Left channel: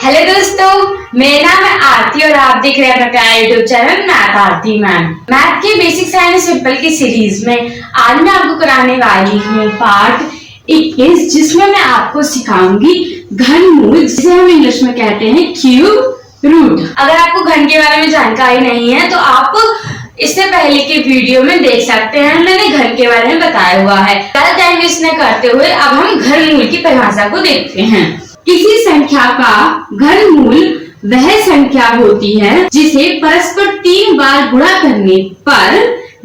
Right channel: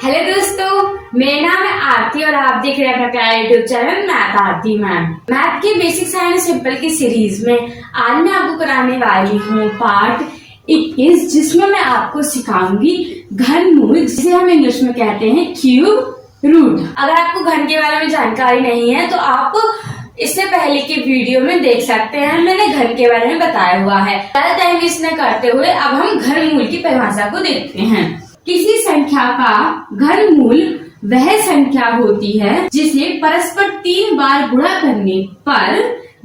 Hello दोस्तों, मेरा नाम है आरती और आप देख रहे हैं अपना प्यारा यूट्यूब चैनल मैथ आरती मैम। मैथ के बेसिक साइंस सिंपल की सीरीज में आज मैं आपको कराने वाली हूँ पार्ट 21, जिसमें मैं आपको सिखाऊंगी घनमूल, जिसे हम इंग्लिश में कहते हैं क्यूब रूट। अगर आपको घन के बारे में जानकारी नहीं है तो आप इससे पहले की वीडियो में देख सकते हैं, मैंने घन के बारे में बताया हुआ है। ज्यादा टाइम वेस्ट न करते हुए अब हम घनमूल की परिभाषा को देखते हैं। किसी संख्या का घनमूल वह संख्या होती है जिसे परस्पर 3 बार गुणा करने पर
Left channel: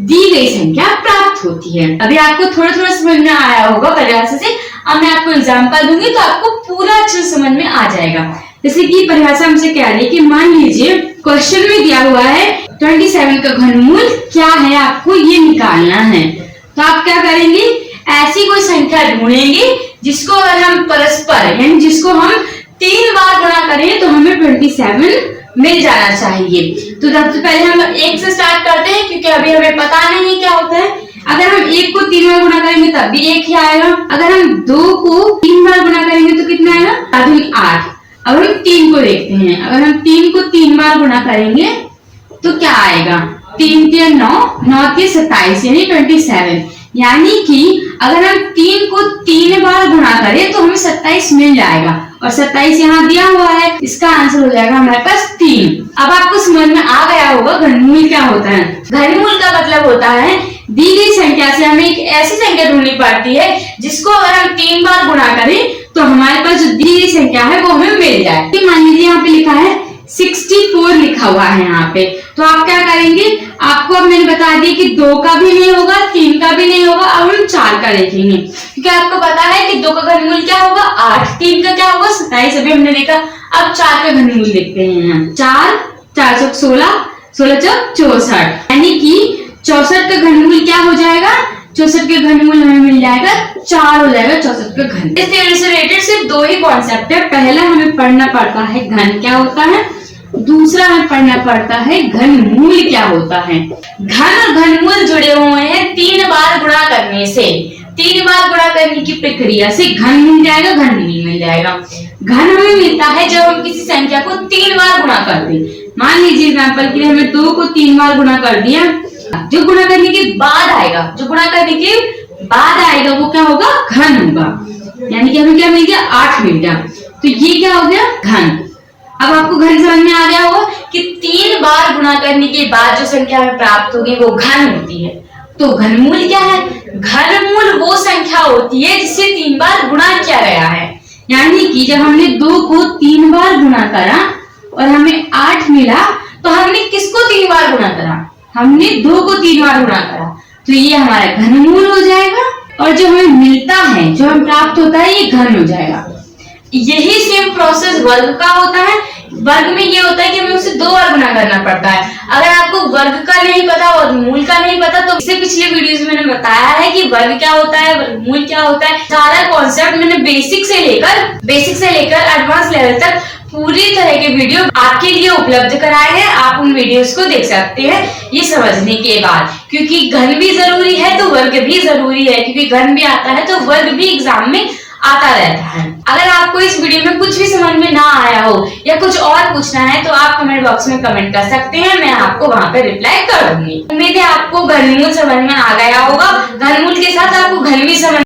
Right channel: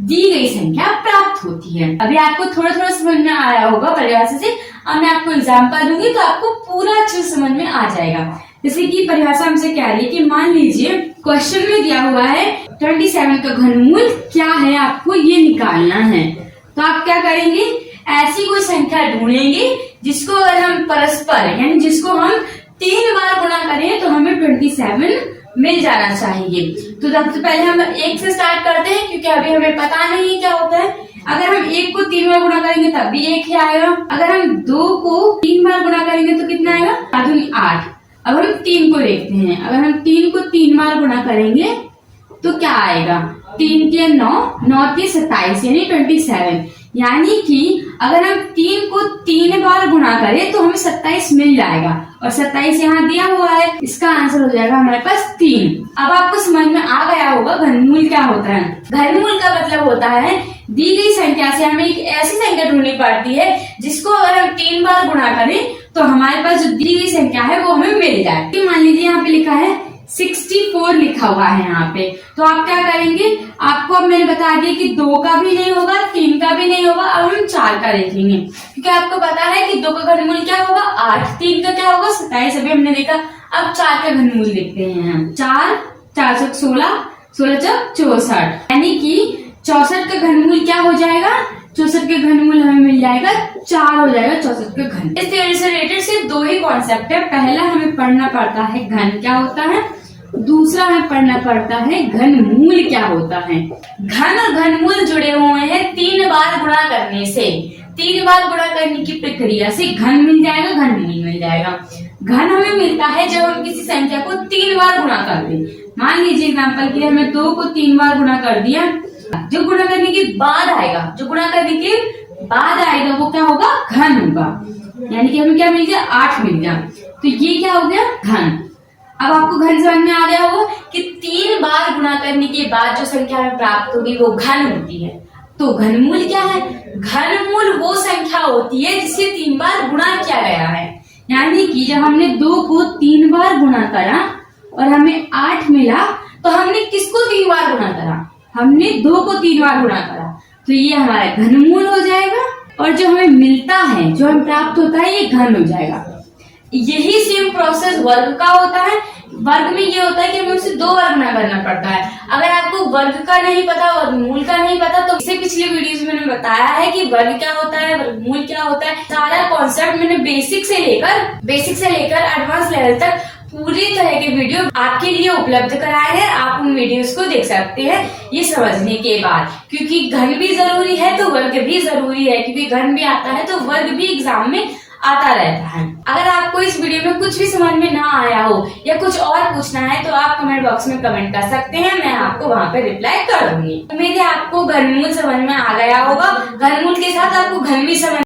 दी गई संख्या प्राप्त होती है। अभी आपको थोड़ा थोड़ा समझ में आया होगा परिभाषा से। अब मैं आपको एग्जांपल दूंगी तो आपको पूरा अच्छे से समझ में आ जाएगा। जैसे कि परिभाषा हमसे कह रही है कि मान लीजिए क्वेश्चन में दिया हुआ है 27 का घनमूल क्या है, आपको ये निकालना है। तो आप क्या करेंगे, ऐसी कोई संख्या ढूंढेंगे जिसको अगर हम परस्पर यानी जिसको हम 3 बार गुणा करें तो हमें 27 मिल जाना चाहिए। तो सबसे पहले हम 1 से स्टार्ट करते हैं, क्योंकि अभी हमें पता नहीं क्या होता है। अगर हम 1 को 3 बार गुणा करेंगे तब भी 1 ही आएगा। अगर हम 2 को 3 बार गुणा करेंगे तो कितना आएगा, 8। अब हम 3 को देखते हैं। अगर हम 3 को 3 बार गुणा करेंगे तो क्या आएगा, 3 3 9, 9 3 27 यानी 27। यानी कि अगर हम 3 को 3 बार गुणा करें तो हमें 27 मिल जाएगा, और 27 यहाँ दिया हुआ है। इसका आंसर हो जाएगा हमारे पास 3। अब आपको समझ में आ गया होगा घनमूल क्या होता है। घनमूल का मतलब होता है दी गई संख्या से हमें एक ऐसी संख्या ढूंढनी पड़ती है जिसको अगर हम 3 बार गुणा करें तो हमारे पास जो दी गई संख्या है वो हमें मिल जाए। तो मान लीजिए यहाँ पे लिखा है 64 लिखा हुआ है यहाँ पे। तो आप क्या करेंगे, आपको अब मैंने बता दिया कि 2 का भी नहीं होगा, 3 का भी नहीं होगा, अब हम 4 का लिखेंगे, क्योंकि आपको पता है कि 2 का घनमूल क्या होगा 8, 3 का क्या होगा 27, अभी हमने देखा। अब 4 का घनमूल देखते हैं। 4 4 चौक 16, 16 चौक 64, यानी कि 64 का घनमूल क्या हो जाएगा, 64 के घनमूल हमें मिल जाएगा 4 हो जाएगा 64 का घन। इस थ्योरी से रिलेटेड सिर्फ 2 ही कॉन्सेप्ट है। पहला हमें पढ़ना पड़ता है घन क्या होता है, दूसरा हमें पढ़ना पड़ता है घनमूल क्या होता है। घन और घनमूल जुड़े हुए हैं 3 बार गुणा करने से। 3 बार गुणा करने की प्रक्रिया से घन मिल जाएगा, घनमूल मिल जाएगा। घन हमें मिलता है जब हम किसी संख्या को 3 बार गुणा कर दें। मान लीजिए एग्जांपल के लिए हमने 2 को 3 बार गुणा कर दिया, जो गुणा करने के बाद आएगा, जो गुणा करने के बाद आएगा वो क्या होगा, घन होगा। यानी कि हमें क्या मिल गया, 8 मिल गया। तो ये क्या हो गया, घन। अब आपको घन समझ में आ गया होगा कि 3 बार गुणा करने के बाद जो संख्या हमें प्राप्त होगी वो घन होती है। तो घनमूल क्या है, घनमूल वो संख्या होती है जिसे 3 बार गुणा किया गया है। यानी कि जब हमने 2 को 3 बार गुणा करा और हमें 8 मिला, तो हमने किसको 3 बार गुणा करा, हमने 2 को 3 बार गुणा करा। तो ये हमारा घनमूल हो जाएगा, और जो हमें मिलता है, जो हमें प्राप्त होता है, ये घन हो जाएगा। यही सेम प्रोसेस वर्ग का होता है। वर्ग में ये होता है कि हमें उसे 2 बार गुणा करना पड़ता है। अगर आपको वर्ग का नहीं पता, वर्गमूल का नहीं पता, तो इससे पिछले वीडियोस में मैंने बताया है कि वर्ग क्या होता है, वर्गमूल क्या होता है। सारा कॉन्सेप्ट मैंने बेसिक से लेकर एडवांस लेवल तक पूरी तरह के वीडियो आपके लिए उपलब्ध कराए हैं। आप उन वीडियोस को देख सकते हैं ये समझने के बाद, क्योंकि घन भी जरूरी है तो वर्ग भी जरूरी है, क्योंकि घन भी आता है तो वर्ग भी एग्जाम में आता रहता है। अगर आपको इस वीडियो में कुछ भी समझ में ना आया हो या कुछ और पूछना है तो आप कमेंट बॉक्स में कमेंट कर सकते हैं, मैं आपको वहां पे रिप्लाई कर दूंगी। उम्मीद है आपको घनमूल समझ में आ गया होगा। घनमूल के साथ आपको घन भी समझ